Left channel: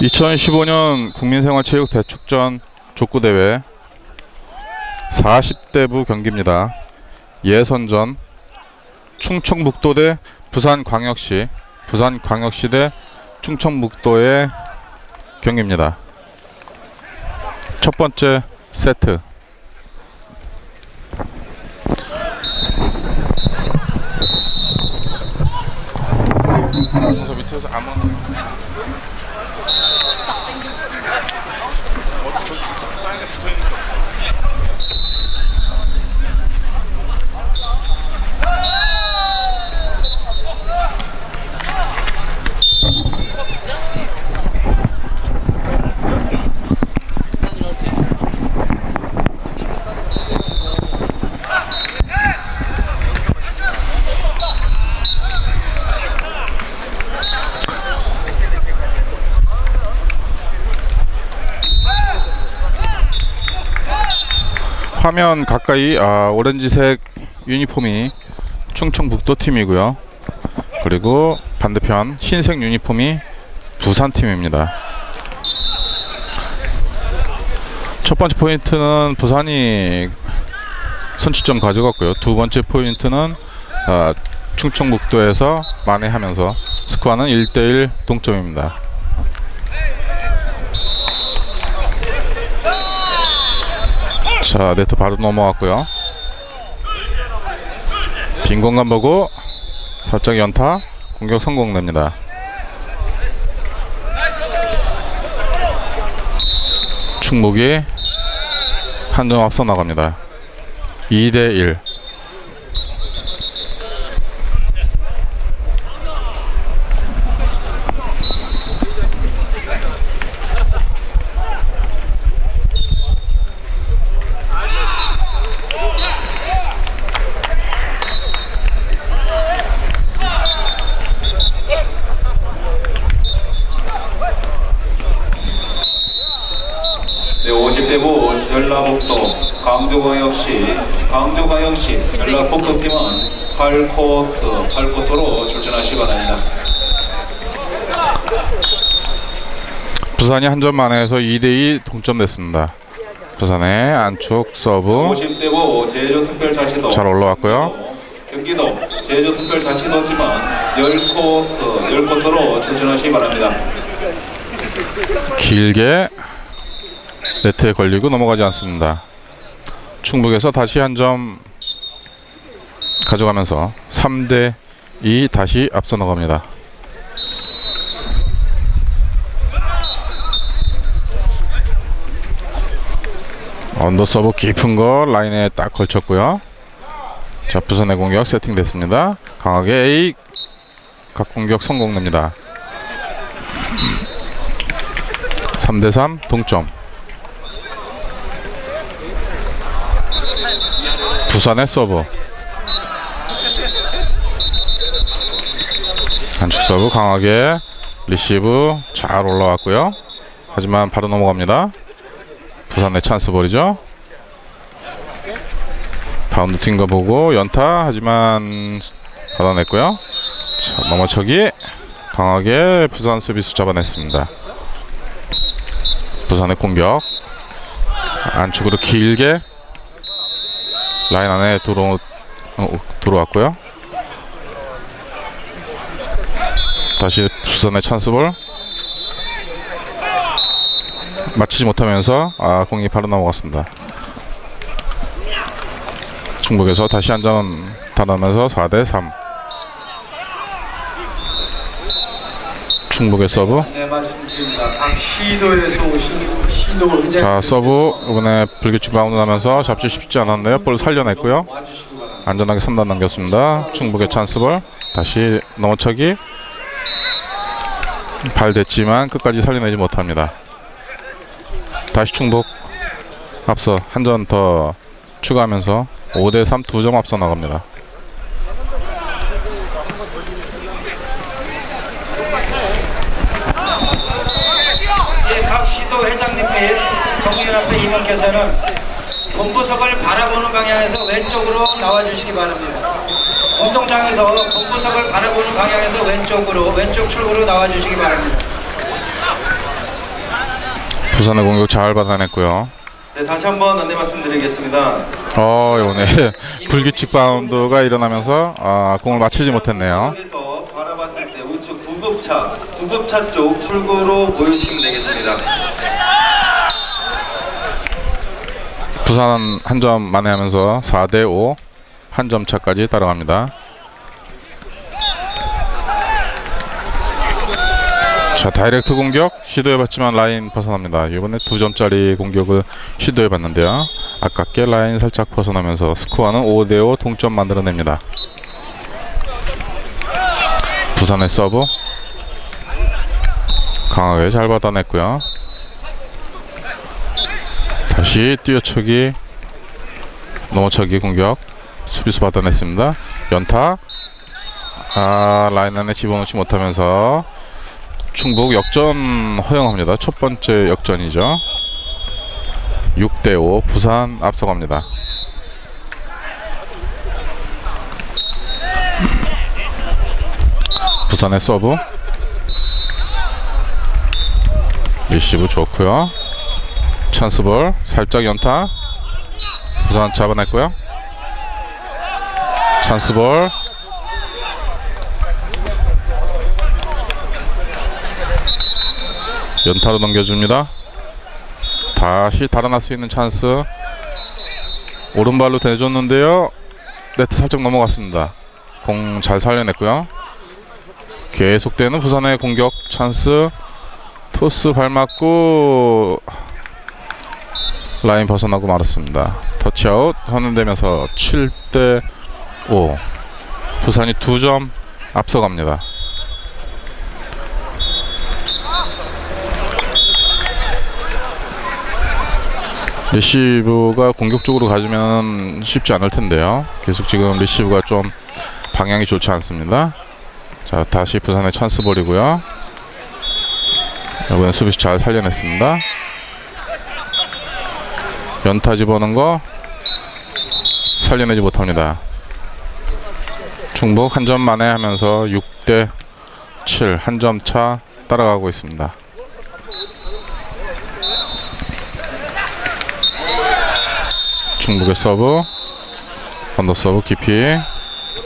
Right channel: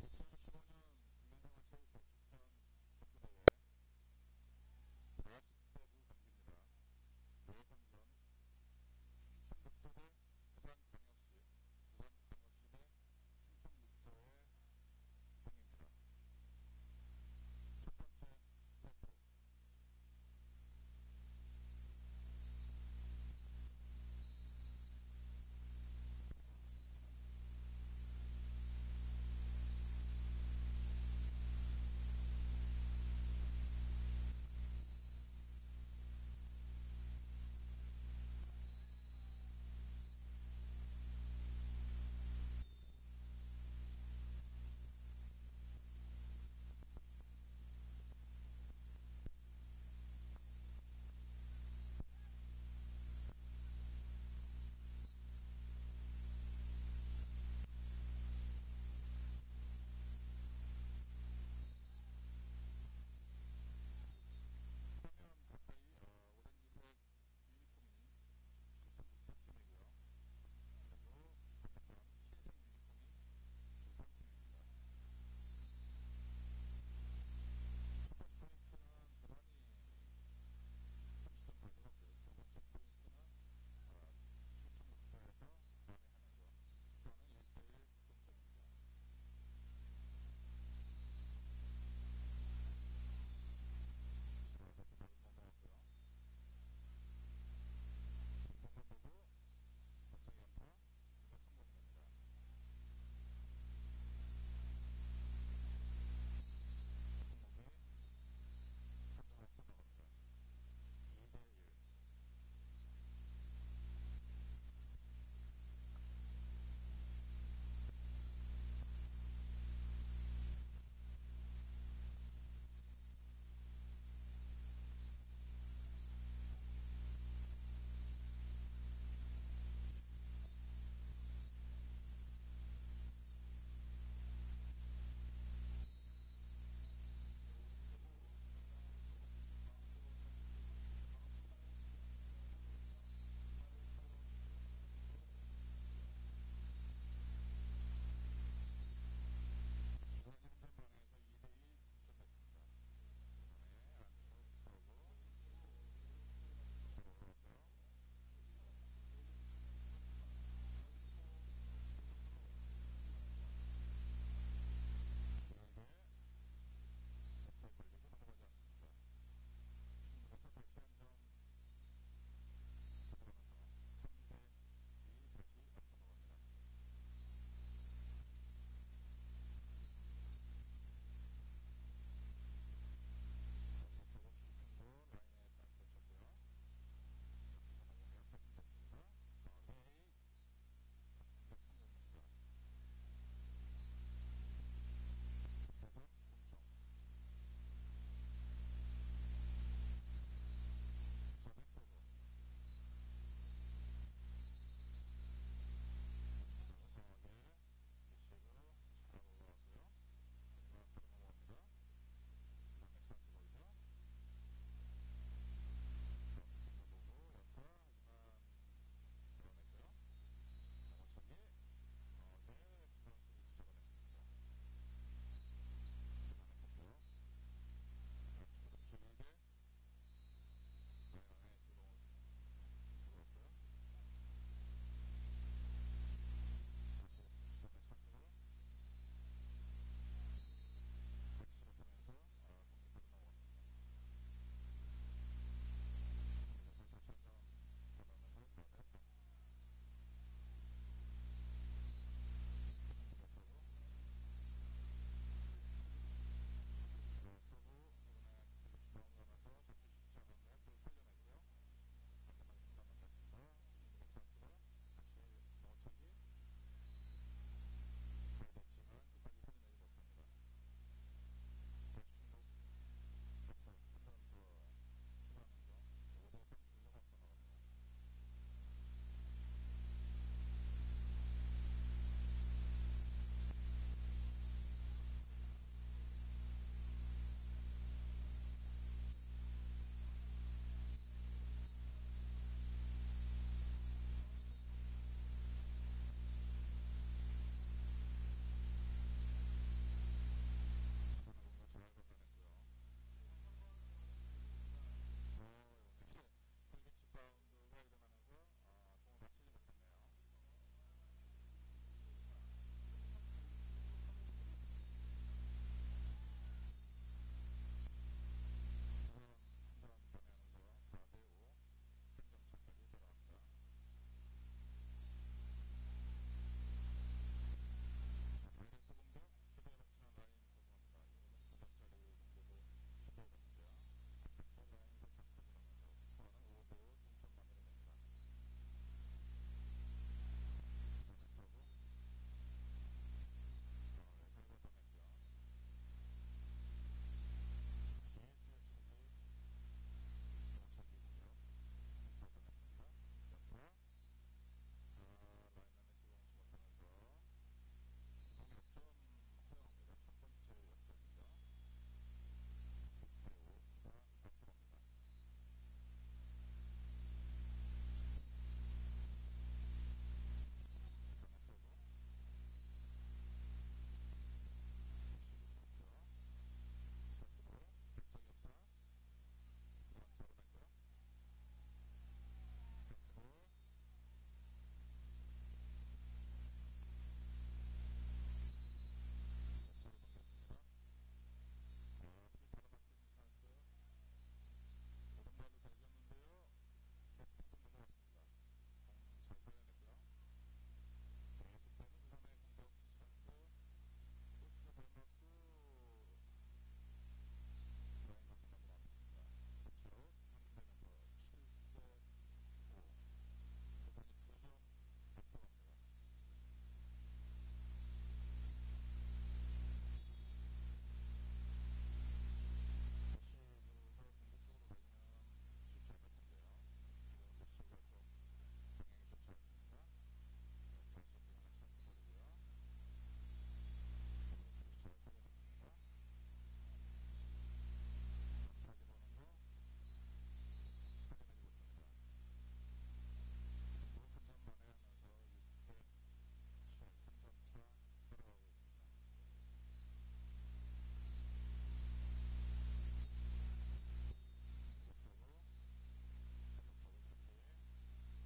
2015년 국민생활체육대축전 족구대회 40대부 경기입니다. 예선전 충청북도 대 부산광역시 부산광역시 대 충청북도의 경기입니다. 첫 번째 세트 Thank you. 화면 가까이 아, 오렌지색 유니폼이 충청북도 팀이고요. 그리고 반대편 흰색 유니폼이 부산 팀입니다. 첫 번째 포인트는 부산이 선취점 가져갔고요. 두 번째 포인트는 아, 충청북도에서 만회하면서 스코어는 1대1 동점입니다. 자 네트 바로 넘어왔고요. 빈 공간 보고 살짝 연타 공격 성공됩니다. 충북이 한 점 앞서 나갑니다. 2대1 네, 50대부 전라북도 강조광역시 강조광역시 전라북도팀은 8코트 8코트로 출전하시기 바랍니다. 부산이 한 점 만회해서 2대2 동점됐습니다 부산의 안축 서브 50대부 제주특별자치도 잘 올라왔고요. 경기도 제주특별자치도팀은 10코트 10코트로 출전하시기 바랍니다. 길게 네트에 걸리고 넘어가지 않습니다. 충북에서 다시 한 점 가져가면서 3대 2 다시 앞서 나갑니다. 언더 서브 깊은 거 라인에 딱 걸쳤고요. 자 부산의 공격 세팅됐습니다. 강하게 A 각 공격 성공됩니다. 3대3 동점 부산의 서브. 한축 서브 강하게 리시브 잘 올라왔고요. 하지만 바로 넘어갑니다. 부산의 찬스 볼이죠. 바운드 튄거 보고 연타 하지만 받아냈고요. 자, 넘어차기 강하게 부산 수비수 잡아냈습니다. 부산의 공격. 안쪽으로 길게 라인 안에 들어 어, 들어왔고요. 다시 부산의 찬스볼 맞히지 못하면서 아 공이 바로 넘어갔습니다. 충북에서 다시 한 점 달아나면서 4대 3. 충북의 서브 자 서브 이번에 불규칙 바운드 나면서 잡지 쉽지 않았는데요. 볼 살려냈고요. 안전하게 3단 남겼습니다. 충북의 찬스볼. 다시 넘어차기. 발 됐지만 끝까지 살려내지 못합니다. 다시 충북 앞서 한 점 더 추가하면서 5대3 두 점 앞서 나갑니다 예, 각 시도 회장님 및 정유연합회 임원께서는 본부석을 바라보는 방향에서 왼쪽으로 나와주시기 바랍니다. 운동장에서 본부석을 바라보는 방향에서 왼쪽으로 왼쪽 출구로 나와주시기 바랍니다. 부산의 공격 잘 받아냈고요. 네, 다시 한번 안내 말씀드리겠습니다. 어, 이번에 불규칙 바운드가 일어나면서 아, 공을 맞추지 못했네요. 바라봤을 때 우측 구급차, 구급차 쪽 출구로 모여주시면 되겠습니다. 부산 한점 만회하면서 4대 5 한 점 차까지 따라갑니다. 자 다이렉트 공격 시도해봤지만 라인 벗어납니다. 이번에 두 점짜리 공격을 시도해봤는데요. 아깝게 라인 살짝 벗어나면서 스코어는 5대5 동점 만들어냅니다. 부산의 서브 강하게 잘 받아냈고요. 다시 뛰어치기 넘어차기 공격 수비수 받아냈습니다. 연타 아 라인 안에 집어넣지 못하면서 충북 역전 허용합니다. 첫 번째 역전이죠. 6대5 부산 앞서갑니다. 부산의 서브 리시브 좋고요. 찬스볼 살짝 연타 부산 잡아냈고요. 찬스볼 연타로 넘겨줍니다. 다시 달아날 수 있는 찬스 오른발로 대줬는데요. 네트 살짝 넘어갔습니다. 공 잘 살려냈고요. 계속되는 부산의 공격 찬스 토스 발 맞고 라인 벗어나고 말았습니다. 터치아웃 선언되면서 7대 5 부산이 2점 앞서갑니다. 리시브가 공격적으로 가지면 쉽지 않을 텐데요. 계속 지금 리시브가 좀 방향이 좋지 않습니다. 자 다시 부산의 찬스 볼이고요. 이번엔 수비수 잘 살려냈습니다. 연타 집어넣은 거 살려내지 못합니다. 충북 한점 만에 하면서 6대 7 한 점 차 따라가고 있습니다. 충북의 서브 언더 서브 깊이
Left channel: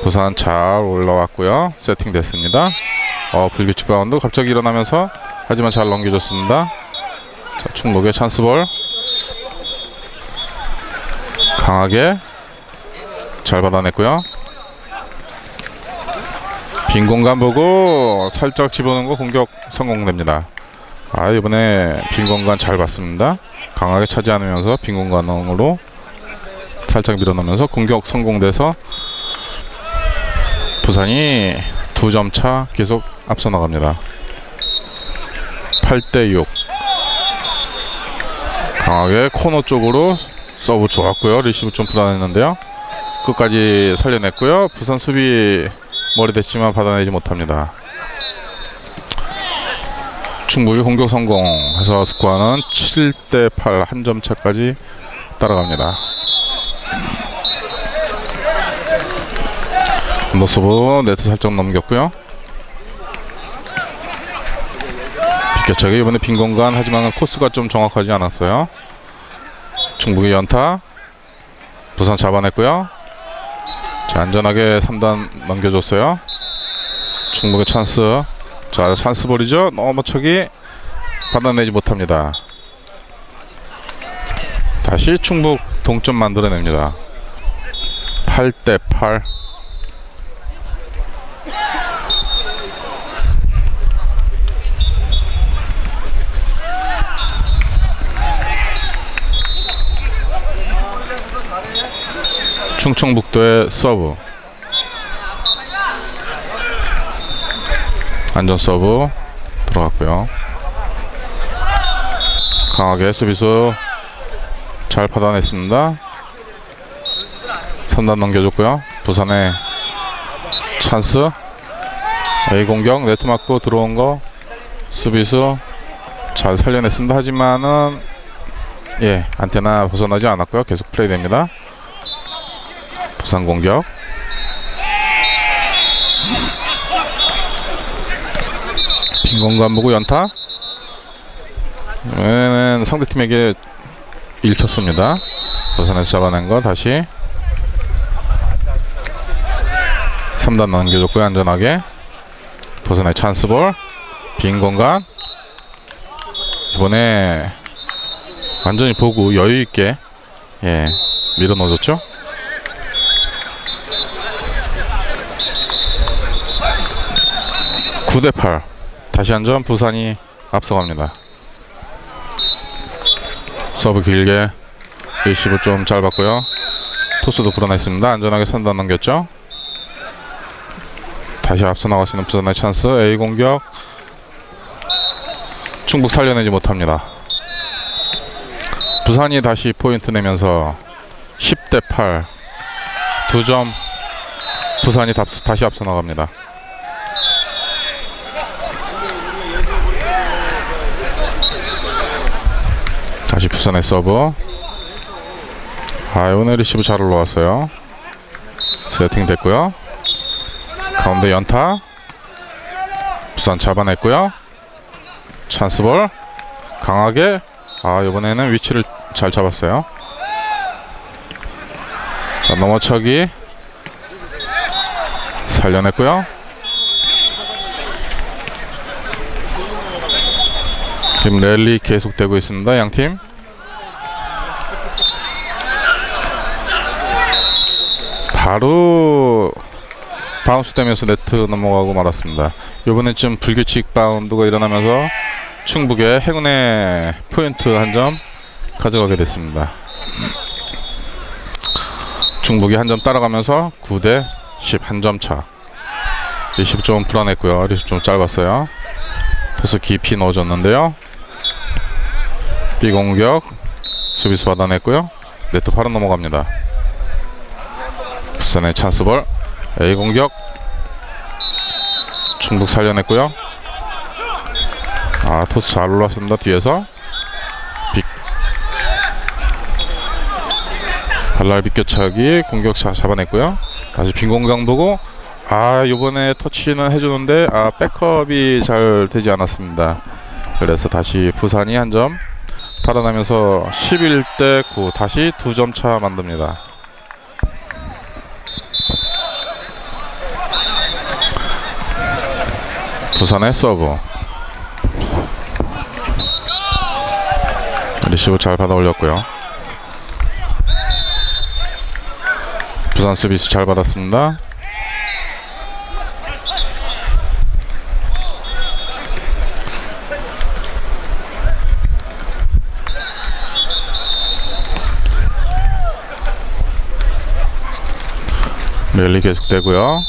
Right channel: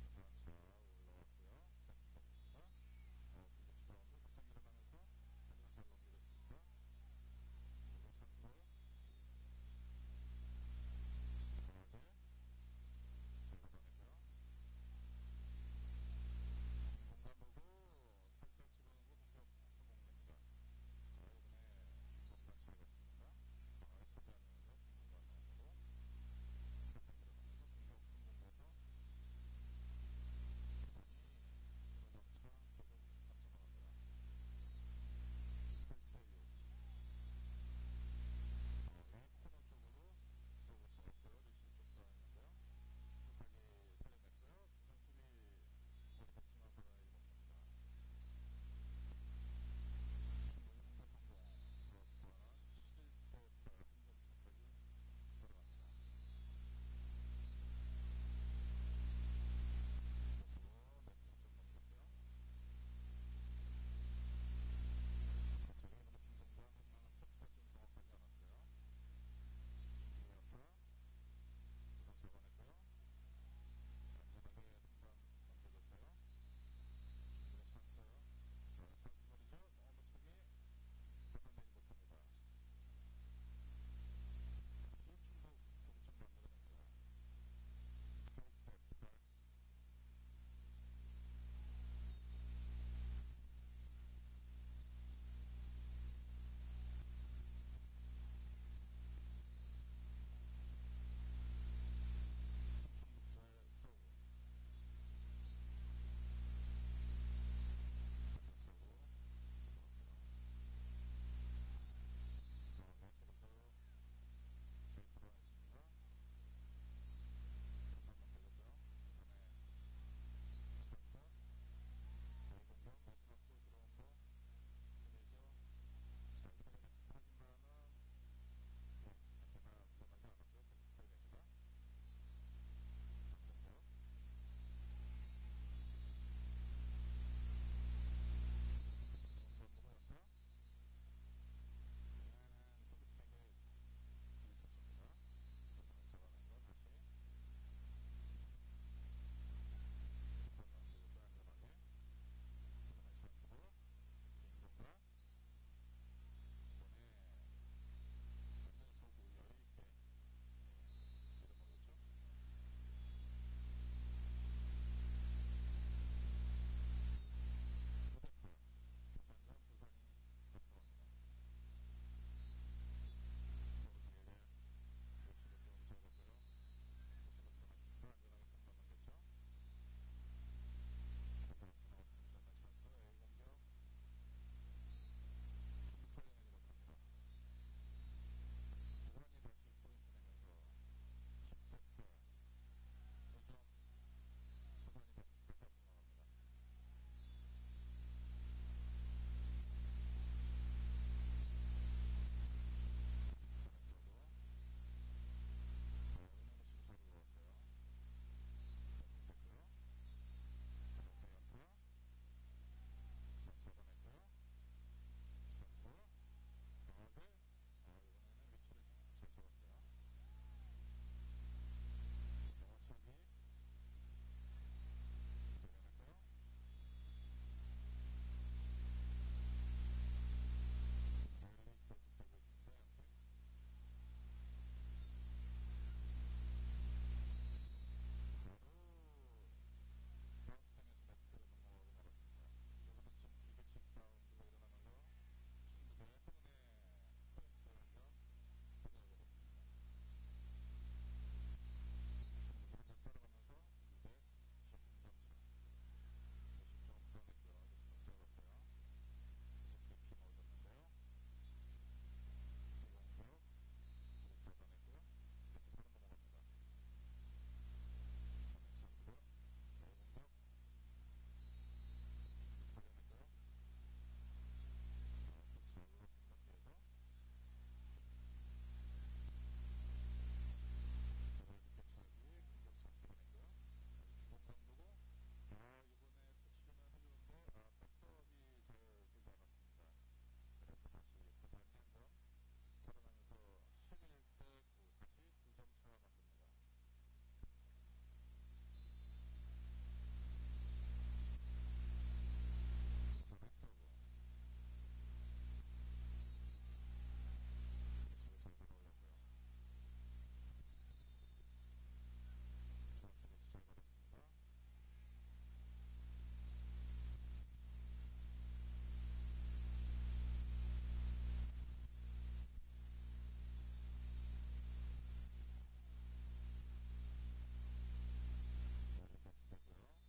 부산 잘 올라왔고요. 세팅 됐습니다. 어, 불규칙 바운드 갑자기 일어나면서 하지만 잘 넘겨줬습니다. 자, 충북의 찬스볼 강하게 잘 받아냈고요. 빈 공간 보고 살짝 집어넣은 거 공격 성공됩니다. 아 이번에 빈 공간 잘 봤습니다. 강하게 차지 않으면서 빈 공간으로 살짝 밀어넣으면서 공격 성공돼서 부산이 두 점 차 계속 앞서 나갑니다. 8대 6 강하게 코너 쪽으로 서브 좋았고요. 리시브 좀 불안했는데요. 끝까지 살려냈고요. 부산 수비 머리 됐지만 받아내지 못합니다. 충북이 공격 성공해서 스코어는 7대 8 한 점 차까지 따라갑니다. 노서브 네트 살짝 넘겼고요. 비껴차기 이번에 빈 공간 하지만 코스가 좀 정확하지 않았어요. 충북이 연타 부산 잡아냈고요. 자 안전하게 3단 넘겨줬어요. 충북의 찬스 자 찬스 볼이죠. 넘어차기 받아내지 못합니다. 다시 충북 동점 만들어냅니다. 8대 8 충청북도의 서브. 안전 서브 들어갔고요. 강하게 수비수 잘 받아냈습니다. 3단 넘겨줬고요. 부산의 찬스. A 공격 네트 맞고 들어온 거 수비수 잘 살려냈습니다. 하지만은 예 안테나 벗어나지 않았고요. 계속 플레이 됩니다 부산 공격. 빈 공간 보고 연타. 이번에는 상대팀에게 읽혔습니다. 부산에서 잡아낸 거 다시. 3단 넘겨줬고요 안전하게. 부산의 찬스볼. 빈 공간. 이번에 완전히 보고 여유 있게 예 밀어 넣어줬죠. 구대 8. 다시 한 점 부산이 앞서갑니다. 서브 길게 리시브 좀 짧았고요. 토스도 불어냈습니다. 안전하게 선단 넘겼죠. 다시 앞서 나갈 수 있는 부산의 찬스 A 공격 충북 살려내지 못합니다. 부산이 다시 포인트 내면서 10대 8 두 점 부산이 답- 다시 앞서 나갑니다. 다시 부산의 서브. 아 오늘 리시브 잘 올라왔어요. 세팅 됐고요. 가운데 연타. 부산 잡아냈고요. 찬스볼. 강하게. 아 이번에는 위치를 잘 잡았어요. 자 넘어차기. 살려냈고요 지금 랠리 계속되고 있습니다 양팀 바로 바운스 되면서 네트 넘어가고 말았습니다. 이번엔 좀 불규칙 바운드가 일어나면서 충북의 행운의 포인트 한 점 가져가게 됐습니다. 충북이 한 점 따라가면서 9대 10 한 점 차. 리시브 좀 불안했고요. 리시브 좀 짧았어요. 토스 깊이 넣어줬는데요. B 공격 수비수 받아냈고요. 네트 바로 넘어갑니다. 부산의 찬스볼 A 공격 충북 살려냈고요. 아 토스 잘 올랐습니다 뒤에서. 빅. 발랄 비껴차기 공격 자, 잡아냈고요. 다시 빈 공간 보고 아 요번에 터치는 해주는데 아 백업이 잘 되지 않았습니다. 그래서 다시 부산이 한점 달아나면서 11대 9 다시 두점차 만듭니다. 부산의 서브. 리시브 잘 받아 올렸고요. 부산 서비스 잘 받았습니다 랠리 계속되고요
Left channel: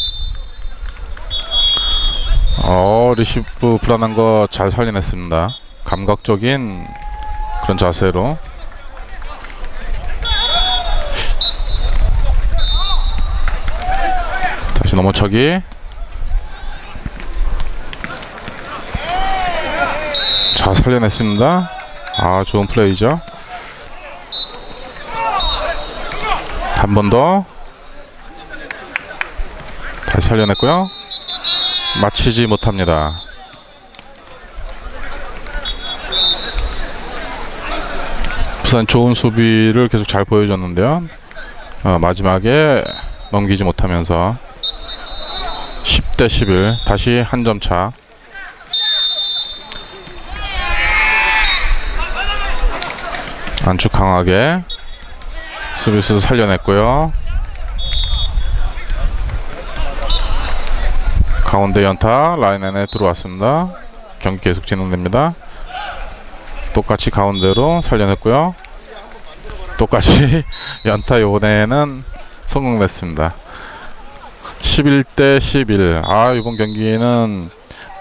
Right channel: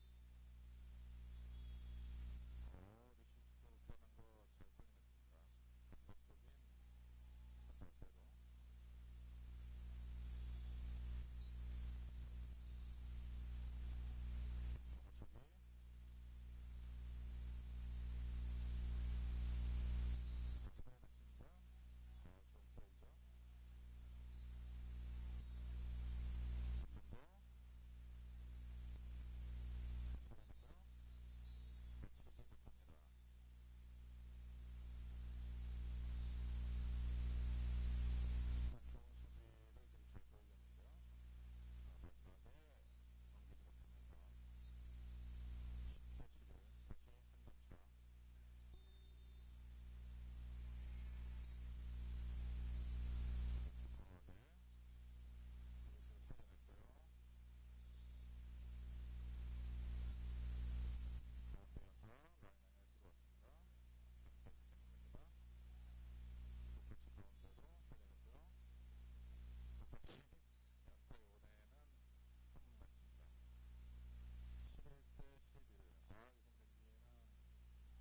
어 리시브 불안한 거 잘 살려냈습니다. 감각적인 그런 자세로 다시 넘어차기 잘 살려냈습니다. 아 좋은 플레이죠. 한 번더 다시 살려냈고요. 마치지 못합니다. 부산 좋은 수비를 계속 잘 보여줬는데요. 어, 마지막에 넘기지 못하면서 10대 11 다시 한 점 차. 안축 강하게 수비수 살려냈고요. 가운데 연타 라인 안에 들어왔습니다. 경기 계속 진행됩니다. 똑같이 가운데로 살려냈고요. 똑같이 연타 이번에는 성공됐습니다. 11대 11. 아 이번 경기는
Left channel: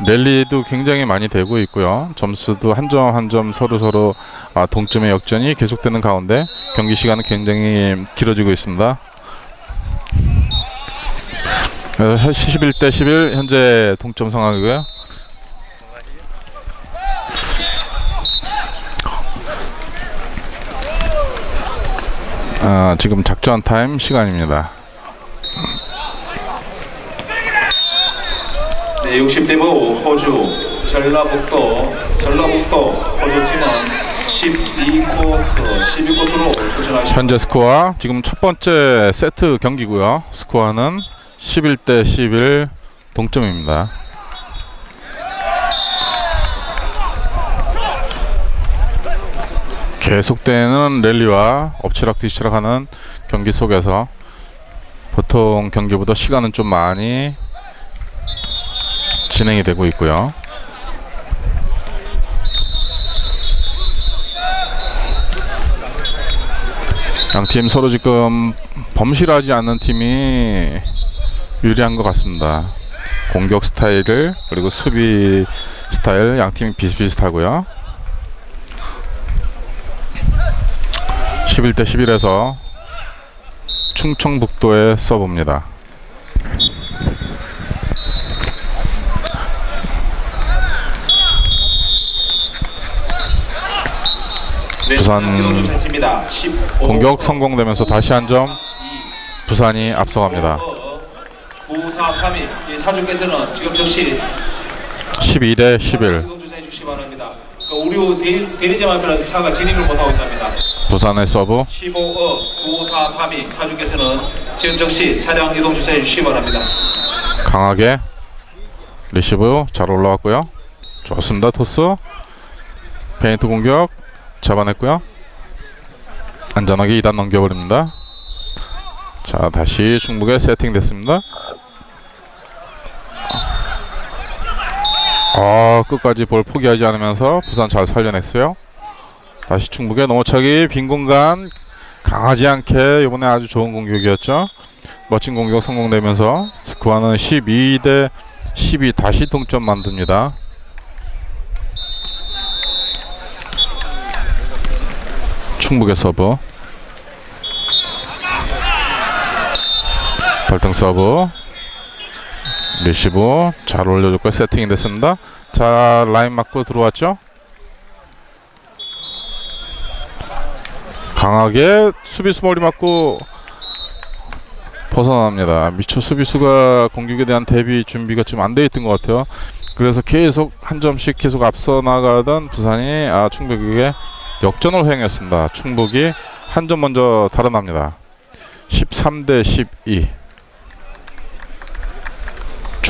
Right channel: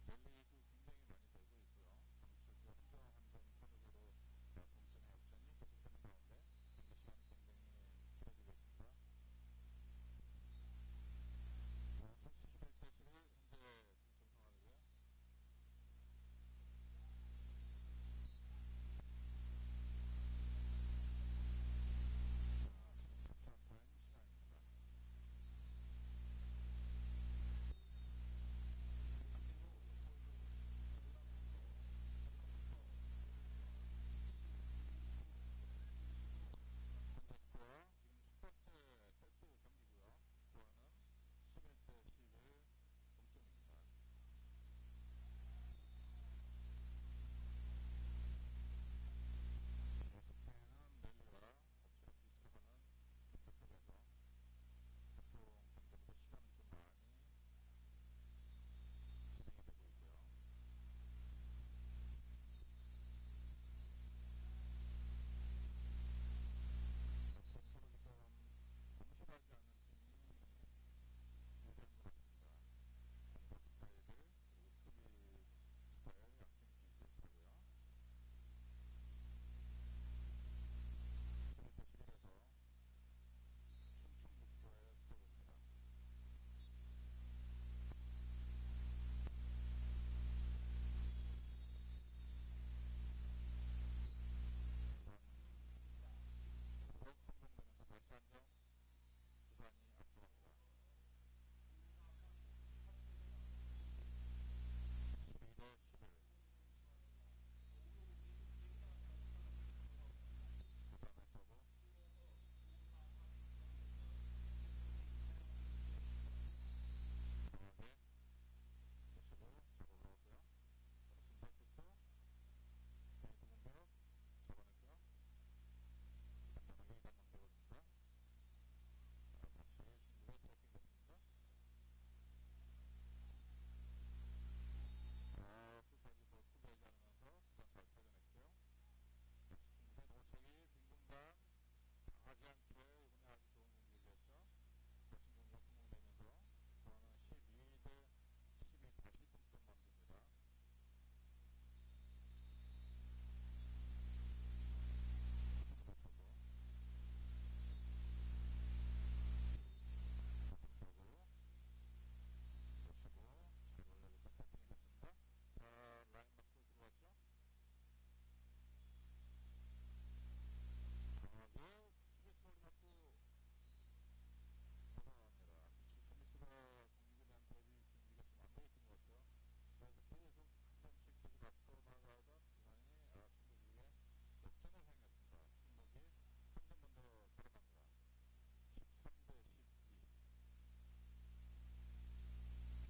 랠리도 굉장히 많이 되고 있고요. 점수도 한 점 한 점 서로 서로 아, 동점의 역전이 계속되는 가운데 경기 시간은 굉장히 길어지고 있습니다. 11대 11 현재 동점 상황이고요. 아, 지금 작전 타임 시간입니다. 네, 60대 5 호주 전라북도 전라북도 호주팀은 12쿼터, 12쿼터로 도전하십니다. 현재 스코어 지금 첫 번째 세트 경기고요. 스코어는 11대 11 동점입니다. 계속되는 랠리와 엎치락 뒤치락하는 경기 속에서 보통 경기보다 시간은 좀 많이 진행이 되고 있고요. 양팀 서로 지금 범실하지 않는 팀이 유리한 것 같습니다. 공격 스타일을 그리고 수비 스타일 양 팀이 비슷비슷하고요. 11대 11에서 충청북도의 서브입니다. 부산 공격 성공되면서 다시 한 점 부산이 앞서갑니다. 9, 4, 3위 사주께서는 지금 즉시 12대 11 이동 주사해 주시기 바랍니다. 그 우리 대리, 대리점 앞에는 차가 진입을 못하고 있습니다. 부산의 서브 15어 9, 4, 3위 사주께서는 지금 즉시 차량 이동 주사해 주시기 바랍니다. 강하게 리시브 잘 올라왔고요. 좋습니다. 토스 페인트 공격 잡아냈고요. 안전하게 2단 넘겨버립니다. 자 다시 중북에 세팅됐습니다. 아 끝까지 볼 포기하지 않으면서 부산 잘 살려냈어요. 다시 충북의 넘어차기 빈 공간 강하지 않게 이번에 아주 좋은 공격이었죠. 멋진 공격 성공되면서 스코어는 12 대 12 다시 동점 만듭니다. 충북의 서브 발등 서브 리시브 잘 올려줬고 세팅이 됐습니다. 자 라인 맞고 들어왔죠. 강하게 수비수 머리 맞고 벗어납니다. 미처 수비수가 공격에 대한 대비 준비가 좀안돼 있던 것 같아요. 그래서 계속 한 점씩 계속 앞서 나가던 부산이 아, 충북에게 역전을 허용했습니다. 충북이 한 점 먼저 달아납니다. 13대 12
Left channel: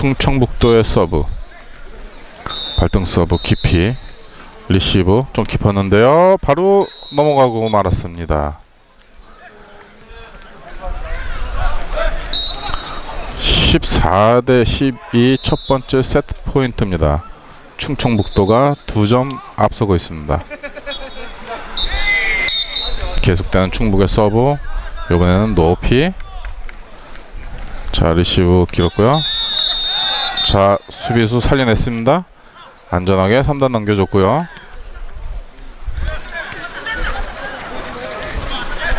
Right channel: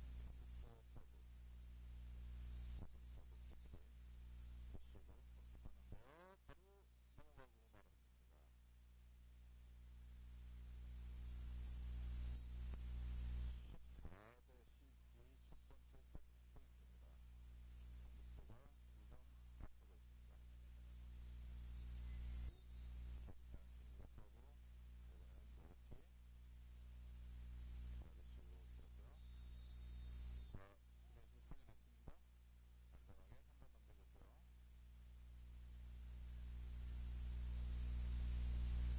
충청북도의 서브 발등 서브 깊이 리시브 좀 깊었는데요. 바로 넘어가고 말았습니다. 14대 12첫 번째 세트 포인트입니다. 충청북도가 두 점 앞서고 있습니다. 계속되는 충북의 서브 이번에는 높이 자 리시브 길었고요. 자 수비수 살려냈습니다. 안전하게 3단 넘겨줬고요.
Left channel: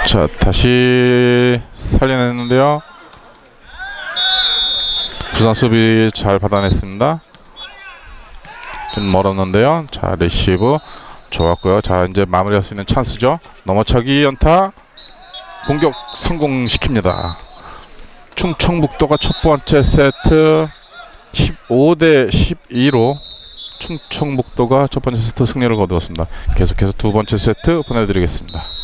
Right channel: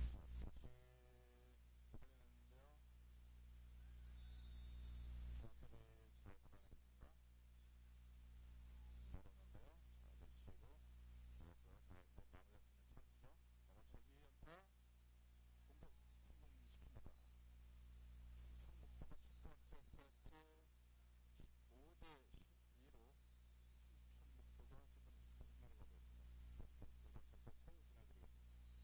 자 다시 살려냈는데요. 부산 수비 잘 받아냈습니다. 좀 멀었는데요. 자 레시브 좋았고요. 자 이제 마무리할 수 있는 찬스죠. 넘어차기 연타 공격 성공시킵니다. 충청북도가 첫 번째 세트 15대 12로 충청북도가 첫 번째 세트 승리를 거두었습니다. 계속해서 두 번째 세트 보내드리겠습니다.